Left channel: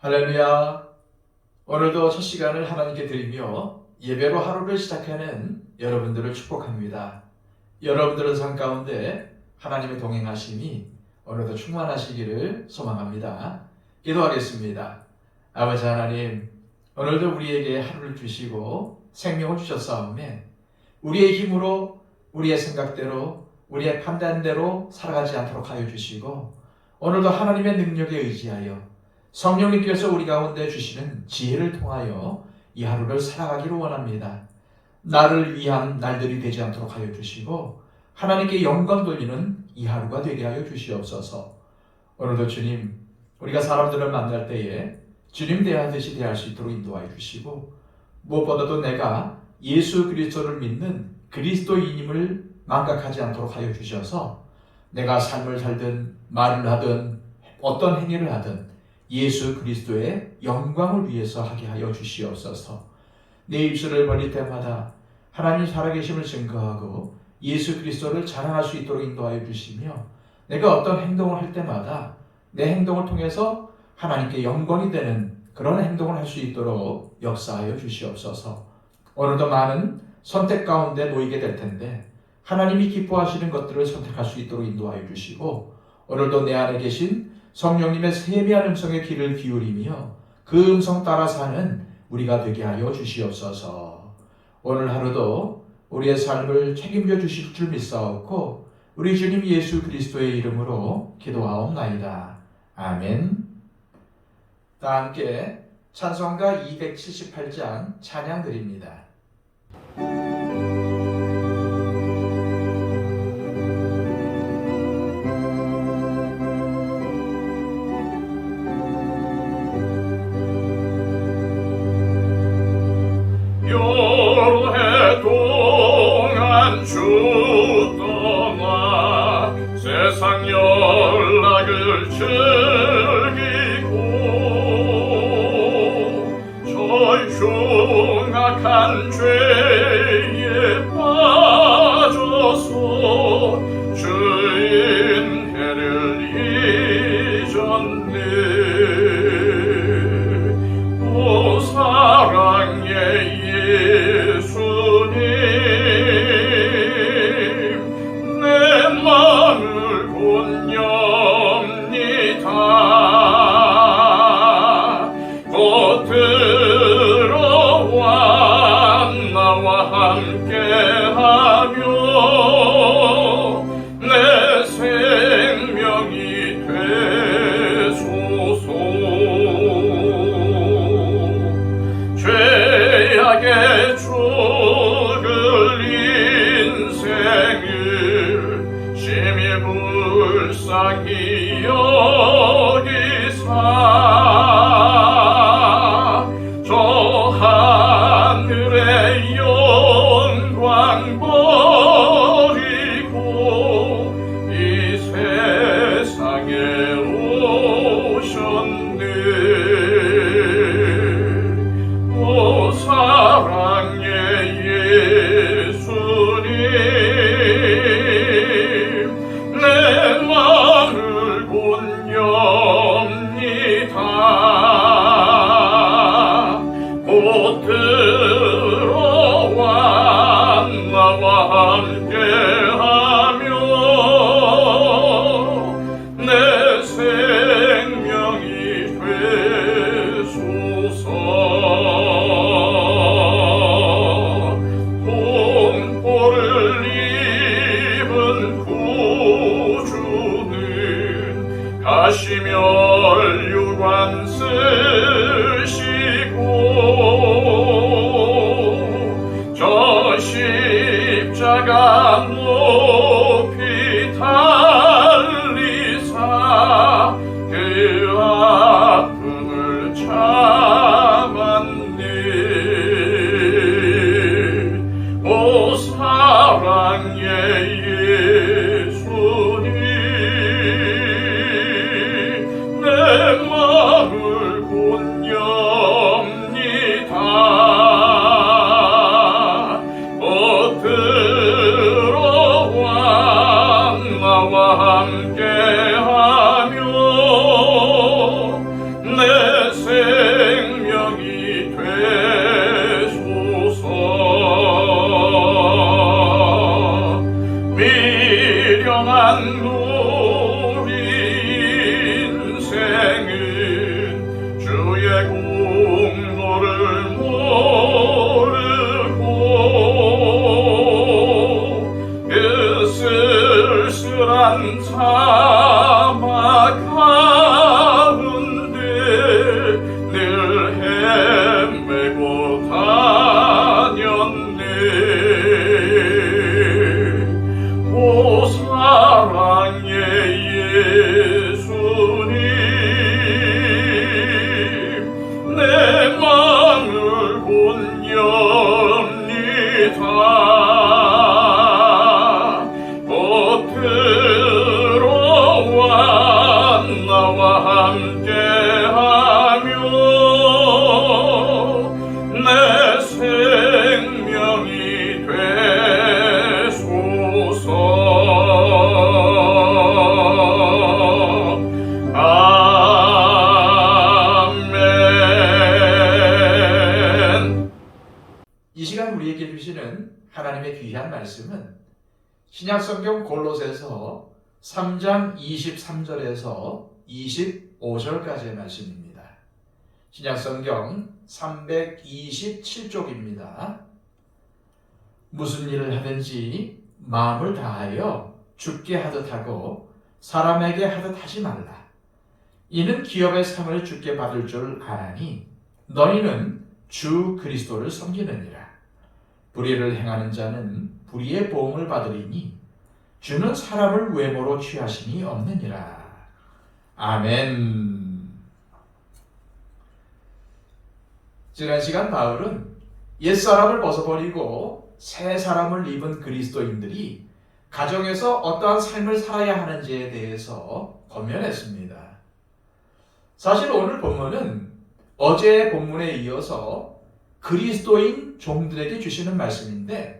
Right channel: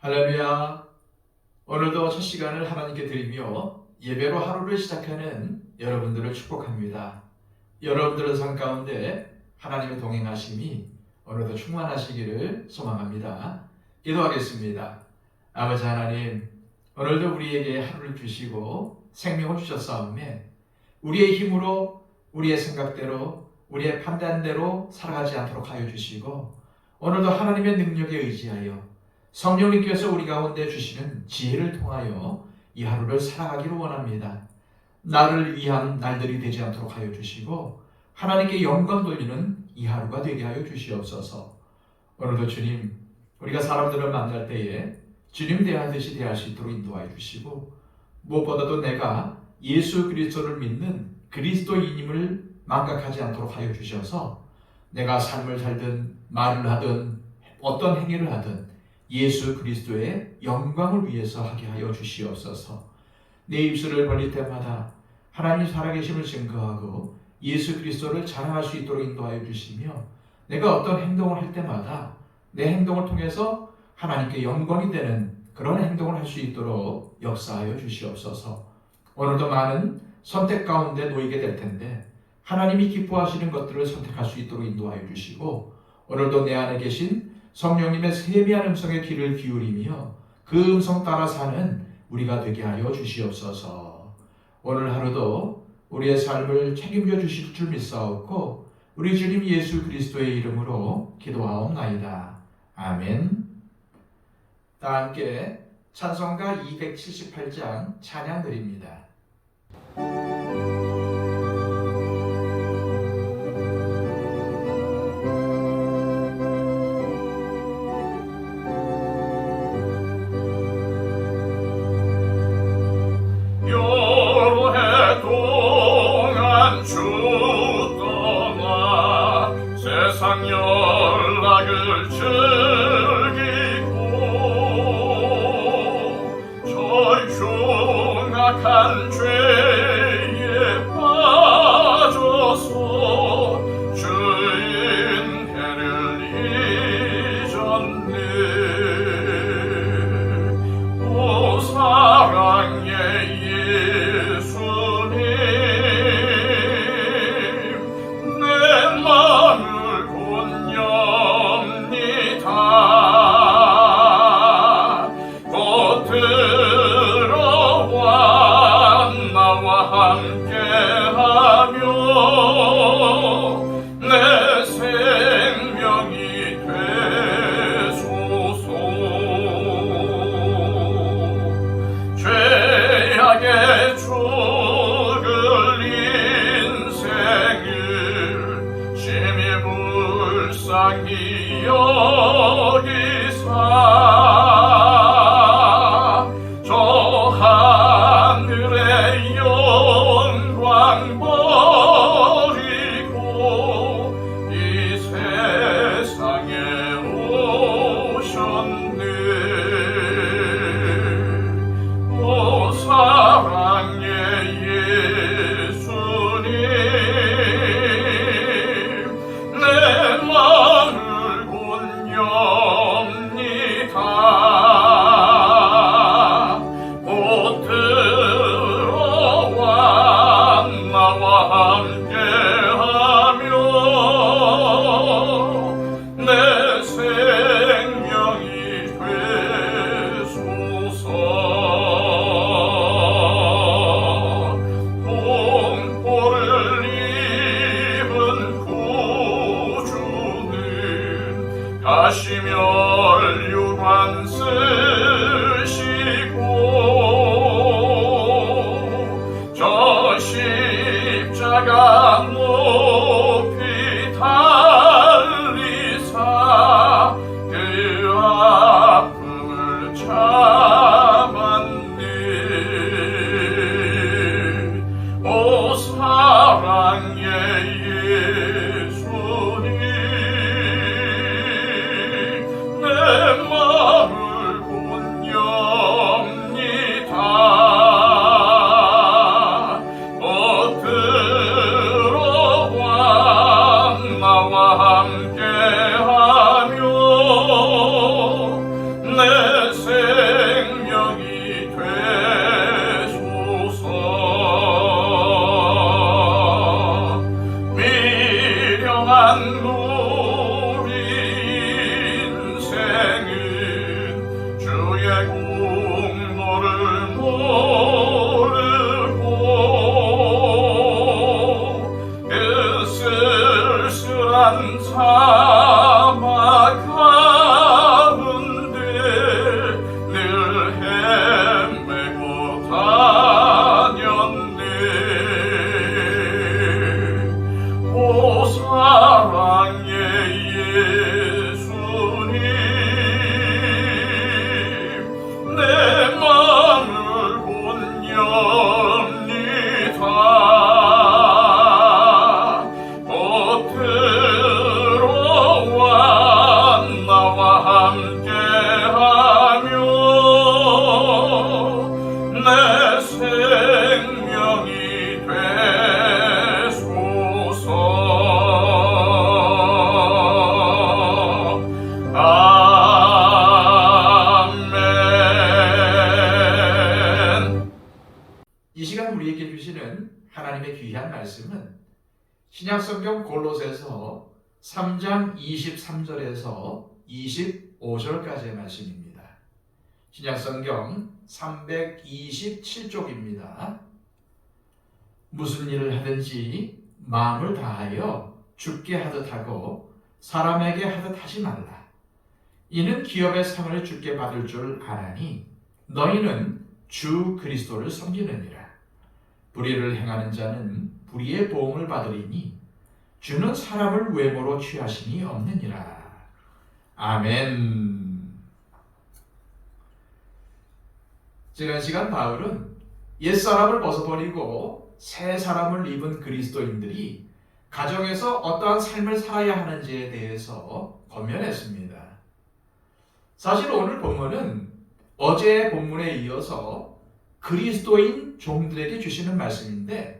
할렐루야. 오늘도 첫 시간을 하나님께 드리며 예배로 하루를 시작하는 여러분들을 축복합니다. 여러분들의 삶 가운데 하나님의 동행하심이 오늘도 충만하시기를 소망합니다. 기도하겠습니다. 아버지 하나님, 오늘도 우리에게 하루를 주시고 생명을 주셨사오매 우리의 힘으로, 우리의 생각대로, 우리의 판단대로 살아가지 않도록 하여 주시고, 오늘도 하나님의 능력에 의지하여 성령님께서 우리 가운데 주시는 지혜를 통하여 이 하루를 살아가기를 원합니다. 나를 위한 날들이 되지 않도록 하여 주시고 하나님께 영광 돌리는 이 하루가 되게 하여 주시옵소서. 오늘도 주님, 우리가 사람들을 만날 때에 주님 대하듯이 대할 수 있도록 인도하여 주시고, 무엇보다도 내가 예수 그리스도를 믿는 그리스도인임을 망각하지 않도록 하여 주셔서 내가 삶을 살든 말을 하든 어떤 행위를 하든 예수 그리스도의 영광을 위해서 하게 하여 주시옵소서. 내 입술을 벌릴 때마다 하나님 살아계심을 증거하고 예수 그리스도를 자랑할 수 있도록 인도하여 주시며, 내가 어떤 행동을 할 때마다 내 행동을 통해서 하나님께 영광이 되는 그런 행동을 할 수 있도록 역사하여 주시옵소서. 오늘도 많은 선택 가운데 놓이게 될 텐데 하나님이 기뻐하시는 것들을 선택할 수 있도록 인도하여 주시고, 오늘도 내 안에 계신 성령님의 세미한 음성의 귀를 기울이며 그 음성 따라 사는 우리가 되게 하여 주시옵소서. 오늘 하루도 우리의 삶을 책임져 주실 줄 믿사옵고 우리 주님 예수 그리스도의 이름으로 기도하옵나이다. 아멘. 다 함께 찬송가 278장 찬양 드립니다. 말씀은 신약성경 골로새서 3장 23절에서 25절까지의 말씀입니다. 신약성경 327쪽입니다. 무슨 일을 하든지 마음을 다하여 주께 하듯 하고 사람에게 하듯 하지 말라. 이는 기업의 상을 주께 받을 줄 아나니 너희는 주 그리스도를 섬기느니라. 불의를 행하는 자는 불의의 보응을 받으리니 주는 사람을 외모로 취하심이 없느니라. 아멘. 지난 시간 바울은 옛사람을 벗어버리고 새 사람을 입은 그리스도인들이 가정에서 어떠한 삶을 살아야 하는지에 대해서 권면했습니다. 사실 오늘 본문은 어제의 본문에 이어서 그리스도인 종들에게 주시는 말씀인데,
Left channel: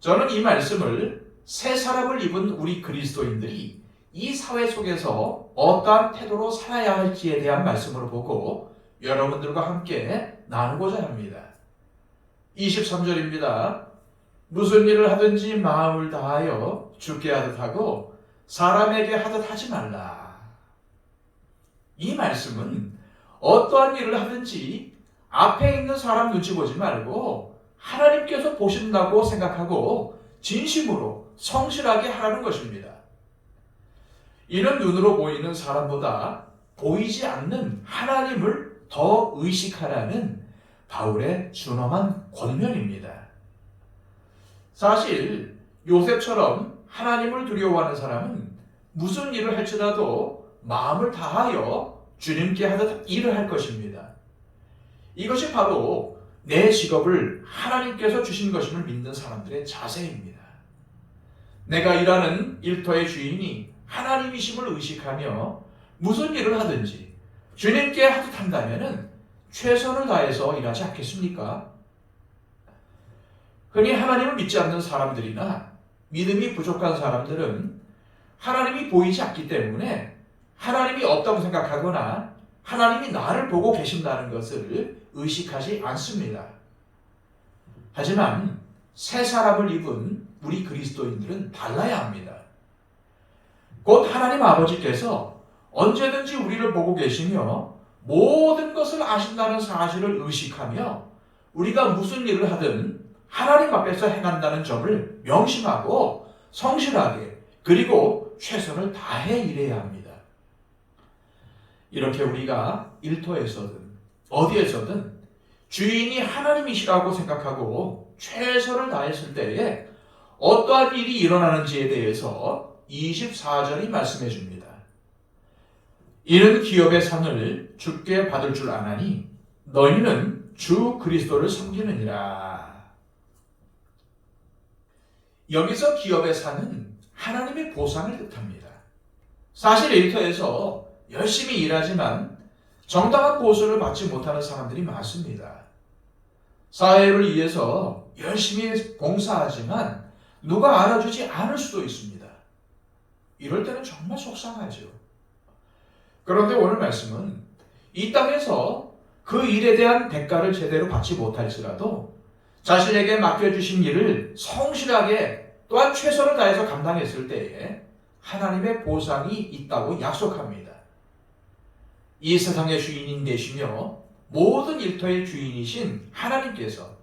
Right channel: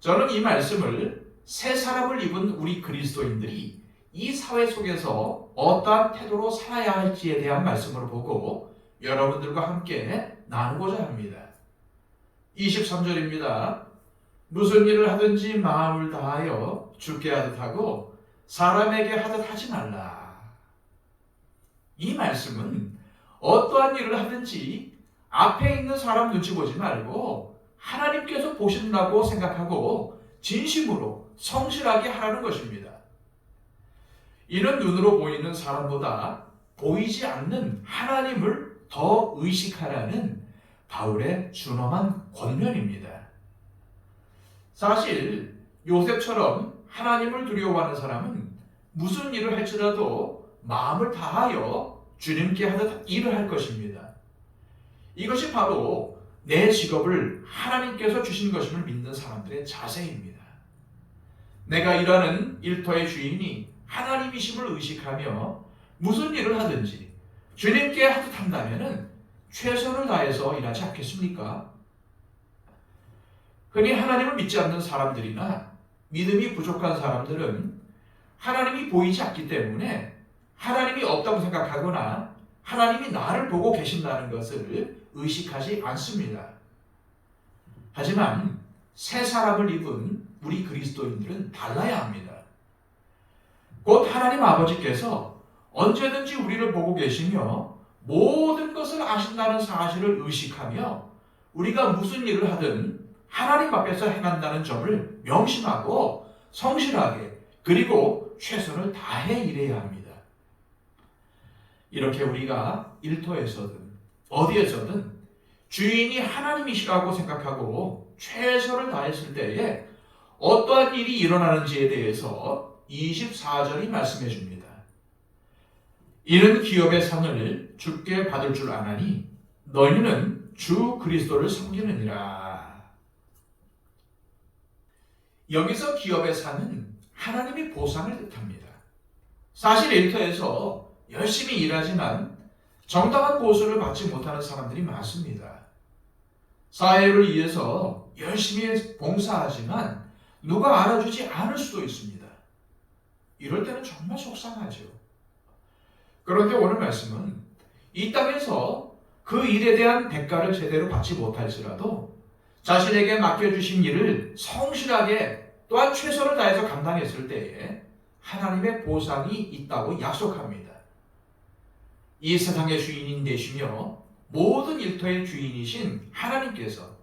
저는 이 말씀을 새 사람을 입은 우리 그리스도인들이 이 사회 속에서 어떠한 태도로 살아야 할지에 대한 말씀으로 보고 여러분들과 함께 나누고자 합니다. 23절입니다. 무슨 일을 하든지 마음을 다하여 주께 하듯 하고 사람에게 하듯 하지 말라. 이 말씀은 어떠한 일을 하든지 앞에 있는 사람 눈치 보지 말고 하나님께서 보신다고 생각하고 진심으로 성실하게 하라는 것입니다. 이는 눈으로 보이는 사람보다 보이지 않는 하나님을 더 의식하라는 바울의 준엄한 권면입니다. 사실 요셉처럼 하나님을 두려워하는 사람은 무슨 일을 할지라도 마음을 다하여 주님께 하듯 일을 할 것입니다. 이것이 바로 내 직업을 하나님께서 주신 것임을 믿는 사람들의 자세입니다. 내가 일하는 일터의 주인이 하나님이심을 의식하며 무슨 일을 하든지 주님께 하듯 한다면 최선을 다해서 일하지 않겠습니까? 흔히 하나님을 믿지 않는 사람들이나 믿음이 부족한 사람들은 하나님이 보이지 않기 때문에 하나님이 없다고 생각하거나 하나님이 나를 보고 계신다는 것을 의식하지 않습니다. 하지만 새 사람을 입은 우리 그리스도인들은 달라야 합니다. 곧 하나님 아버지께서 언제든지 우리를 보고 계시며 모든 것을 아신다는 사실을 의식하며 우리가 무슨 일을 하든 하나님 앞에서 행한다는 점을 명심하고 성실하게 그리고 최선을 다해 일해야 합니다. 이렇게 우리가 일터에서든 어디에서든 주인이 하나님이시라고 생각하고 최선을 다했을 때에 어떠한 일이 일어나는지에 대해서 24절이 말씀해 줍니다. 이는 기업의 상을 주께 받을 줄 아나니 너희는 주 그리스도를 섬기느니라. 여기서 기업의 상은 하나님의 보상을 뜻합니다. 사실 일터에서 열심히 일하지만 정당한 보수를 받지 못하는 사람들이 많습니다. 사회를 위해서 열심히 봉사하지만 누가 알아주지 않을 수도 있습니다. 이럴 때는 정말 속상하죠. 그런데 오늘 말씀은 이 땅에서 그 일에 대한 대가를 제대로 받지 못할지라도 자신에게 맡겨주신 일을 성실하게 또한 최선을 다해서 감당했을 때에 하나님의 보상이 있다고 약속합니다. 이 세상의 주인인 되시며 모든 일터의 주인이신 하나님께서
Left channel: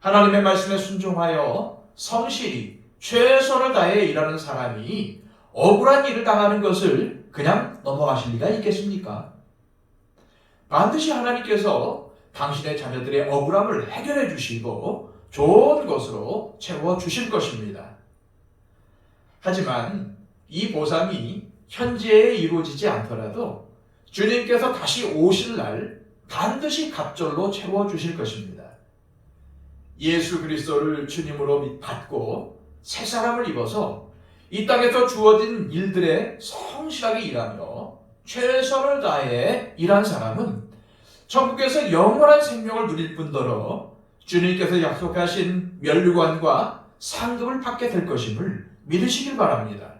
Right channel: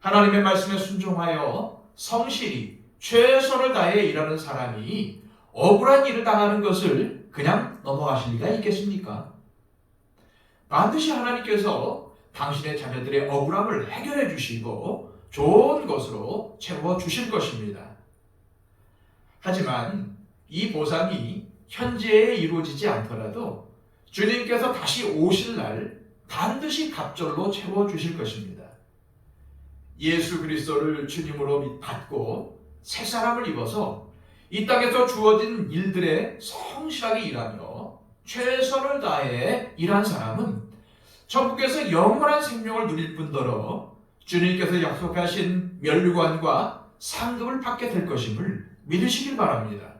하나님의 말씀에 순종하여 성실히 최선을 다해 일하는 사람이 억울한 일을 당하는 것을 그냥 넘어가실 리가 있겠습니까? 반드시 하나님께서 당신의 자녀들의 억울함을 해결해 주시고 좋은 것으로 채워 주실 것입니다. 하지만 이 보상이 현재에 이루어지지 않더라도 주님께서 다시 오실 날 반드시 갑절로 채워 주실 것입니다. 예수 그리스도를 주님으로 받고 새 사람을 입어서 이 땅에서 주어진 일들에 성실하게 일하며 최선을 다해 일한 사람은 천국에서 영원한 생명을 누릴 뿐더러 주님께서 약속하신 면류관과 상급을 받게 될 것임을 믿으시길 바랍니다.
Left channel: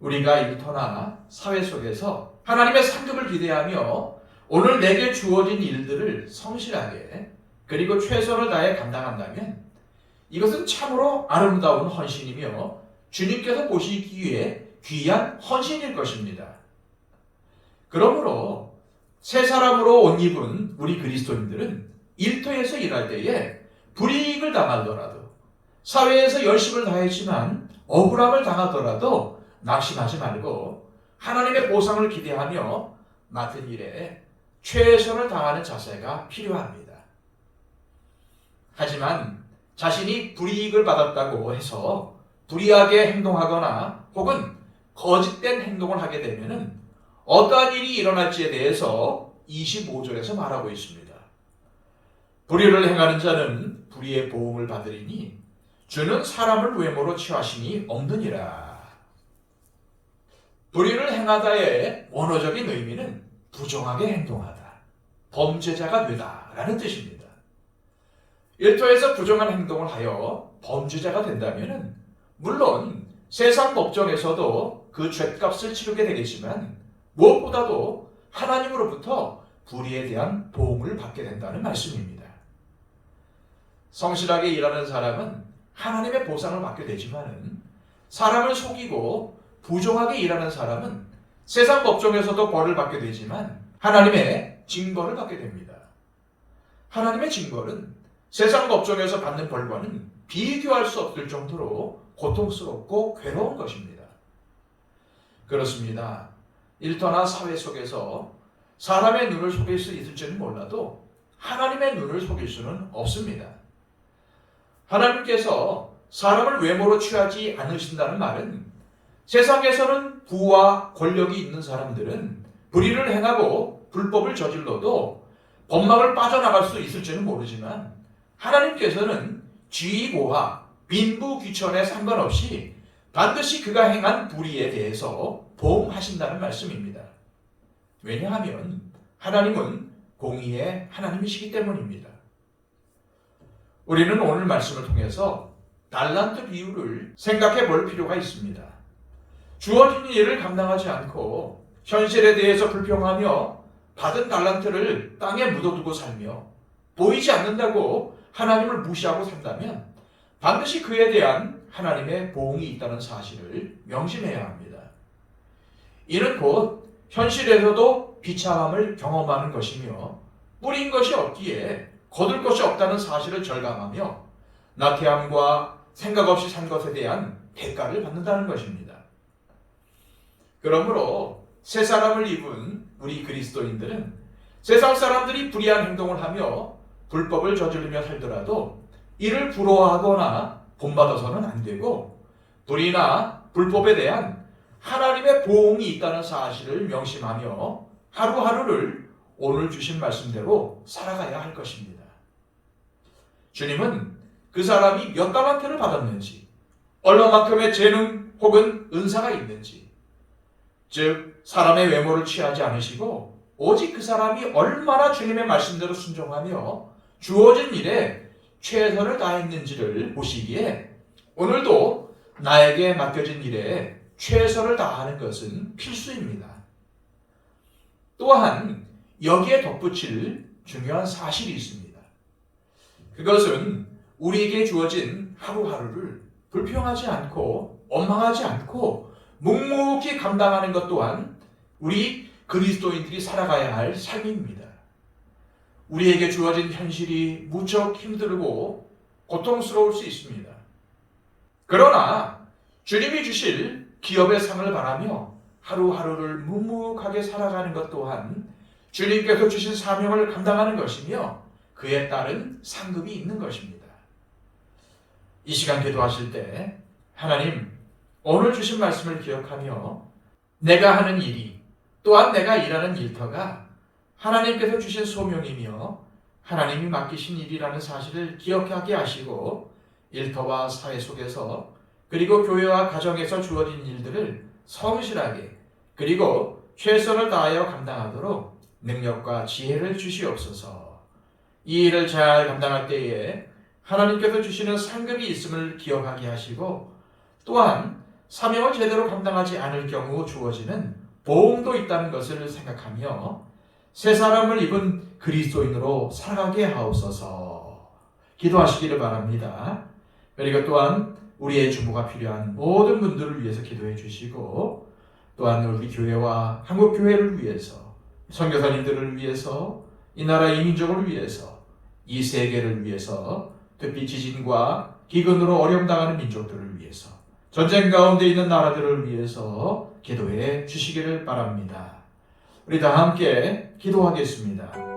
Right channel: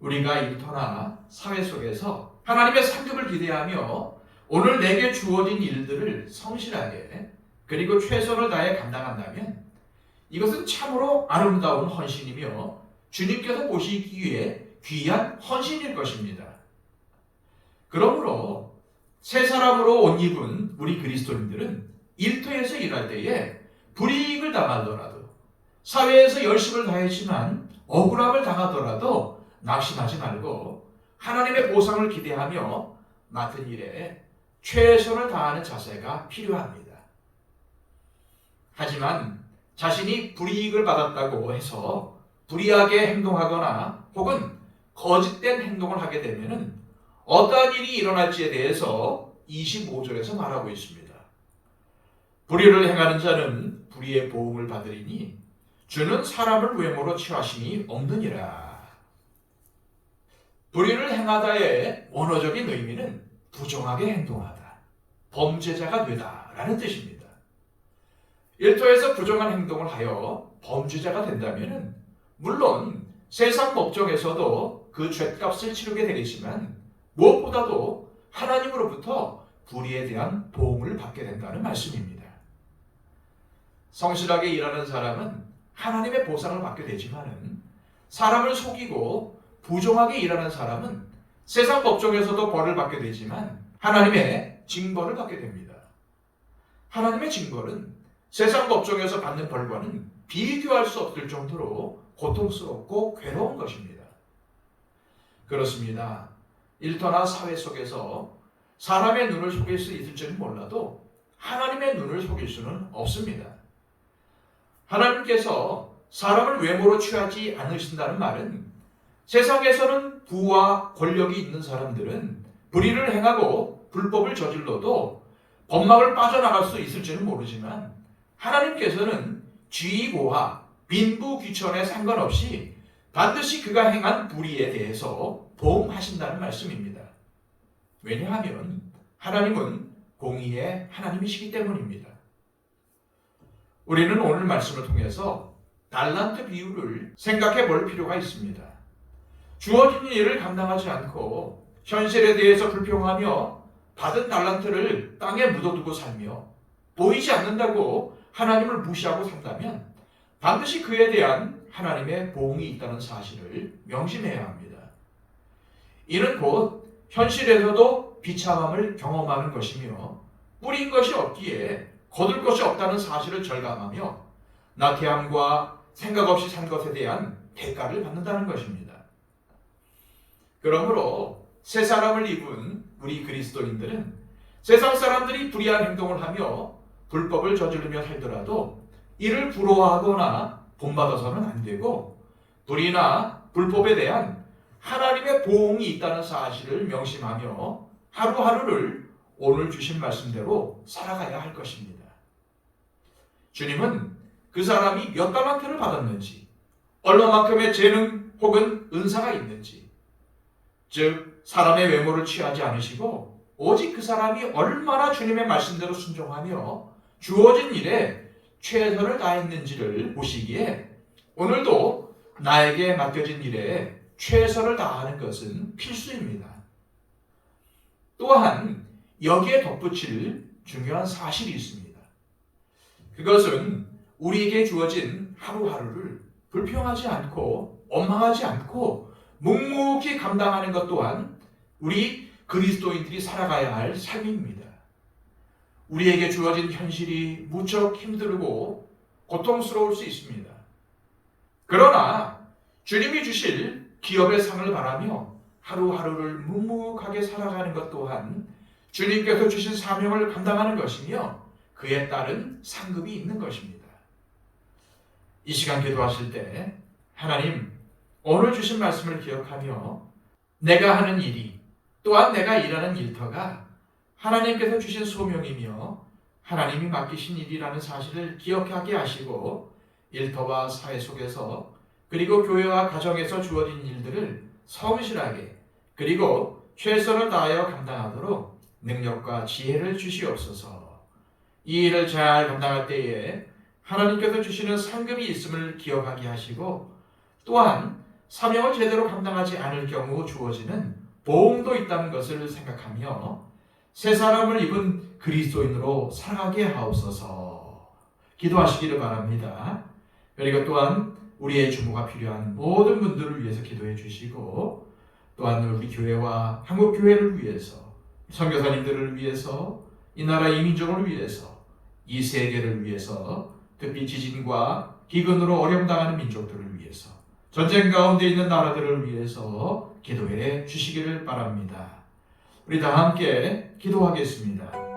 우리가 일터나 사회 속에서 하나님의 상급을 기대하며 오늘 내게 주어진 일들을 성실하게 그리고 최선을 다해 감당한다면 이것은 참으로 아름다운 헌신이며 주님께서 보시기 위해 귀한 헌신일 것입니다. 그러므로 새 사람으로 옷 입은 우리 그리스도인들은 일터에서 일할 때에 불이익을 당하더라도, 사회에서 열심을 다했지만 억울함을 당하더라도 낙심하지 말고 하나님의 보상을 기대하며 맡은 일에 최선을 다하는 자세가 필요합니다. 하지만 자신이 불이익을 받았다고 해서 불의하게 행동하거나 혹은 거짓된 행동을 하게 되면 어떠한 일이 일어날지에 대해서 25절에서 말하고 있습니다. 불의를 행하는 자는 불의의 보응을 받으리니 주는 사람을 외모로 취하심이 없느니라. 불의를 행하다의 원어적인 의미는 부정하게 행동하다, 범죄자가 되다라는 뜻입니다. 일터에서 부정한 행동을 하여 범죄자가 된다면 물론 세상 법정에서도 그 죗값을 치르게 되겠지만 무엇보다도 하나님으로부터 불의에 대한 보응을 받게 된다는 말씀입니다. 성실하게 일하는 사람은 하나님의 보상을 받게 되지만 사람을 속이고 부정하게 일하는 사람은 세상 법정에서도 벌을 받게 되지만 하나님의 징벌을 받게 됩니다. 하나님의 징벌은 세상 법정에서 받는 벌과는 비교할 수 없을 정도로 고통스럽고 괴로운 것입니다. 그렇습니다. 일터나 사회 속에서 사람의 눈을 속일 수 있을지는 몰라도 하나님의 눈을 속일 수는 없습니다. 하나님께서 사람을 외모로 취하지 않으신다는 말은 세상에서는 부와 권력이 있는 사람들은 불의를 행하고 불법을 저질러도 법망을 빠져나갈 수 있을지는 모르지만 하나님께서는 쥐고와 빈부귀천에 상관없이 반드시 그가 행한 불의에 대해서 보응하신다는 말씀입니다. 왜냐하면 하나님은 공의의 하나님이시기 때문입니다. 우리는 오늘 말씀을 통해서 달란트 비유를 생각해 볼 필요가 있습니다. 주어진 일을 감당하지 않고 현실에 대해서 불평하며 받은 달란트를 땅에 묻어두고 살며 보이지 않는다고 하나님을 무시하고 산다면 반드시 그에 대한 하나님의 보응이 있다는 사실을 명심해야 합니다. 이는 곧 현실에서도 비참함을 경험하는 것이며 뿌린 것이 없기에 거둘 것이 없다는 사실을 절감하며 나태함과 생각 없이 산 것에 대한 대가를 받는다는 것입니다. 그러므로 새 사람을 입은 우리 그리스도인들은 세상 사람들이 불의한 행동을 하며 불법을 저지르며 살더라도 이를 부러워하거나 본받아서는 안 되고 불의나 불법에 대한 하나님의 보응이 있다는 사실을 명심하며 하루하루를 오늘 주신 말씀대로 살아가야 할 것입니다. 주님은 그 사람이 몇 달란트를 받았는지, 얼마만큼의 재능 혹은 은사가 있는지, 즉 사람의 외모를 취하지 않으시고 오직 그 사람이 얼마나 주님의 말씀대로 순종하며 주어진 일에 최선을 다했는지를 보시기에 오늘도 나에게 맡겨진 일에 최선을 다하는 것은 필수입니다. 또한 여기에 덧붙일 중요한 사실이 있습니다. 그것은 우리에게 주어진 하루하루를 불평하지 않고 원망하지 않고 묵묵히 감당하는 것 또한 우리 그리스도인들이 살아가야 할 삶입니다. 우리에게 주어진 현실이 무척 힘들고 고통스러울 수 있습니다. 그러나 주님이 주실 기업의 상을 바라며 하루하루를 묵묵하게 살아가는 것 또한 주님께서 주신 사명을 감당하는 것이며 그에 따른 상급이 있는 것입니다. 이 시간 기도하실 때 하나님, 오늘 주신 말씀을 기억하며 내가 하는 일이 또한 내가 일하는 일터가 하나님께서 주신 소명이며 하나님이 맡기신 일이라는 사실을 기억하게 하시고 일터와 사회 속에서 그리고 교회와 가정에서 주어진 일들을 성실하게 그리고 최선을 다하여 감당하도록 능력과 지혜를 주시옵소서. 이 일을 잘 감당할 때에 하나님께서 주시는 상급이 있음을 기억하게 하시고 또한 사명을 제대로 감당하지 않을 경우 주어지는 보응도 있다는 것을 생각하며 새 사람을 입은 그리스도인으로 살아가게 하옵소서. 기도하시기를 바랍니다. 그리고 또한 우리의 중보가 필요한 모든 분들을 위해서 기도해 주시고, 또한 우리 교회와 한국 교회를 위해서, 선교사님들을 위해서, 이 나라 이민족을 위해서, 이 세계를 위해서, 특히 지진과 기근으로 어려움 당하는 민족들을 위해서, 전쟁 가운데 있는 나라들을 위해서 기도해 주시기를 바랍니다. 우리 다 함께 기도하겠습니다.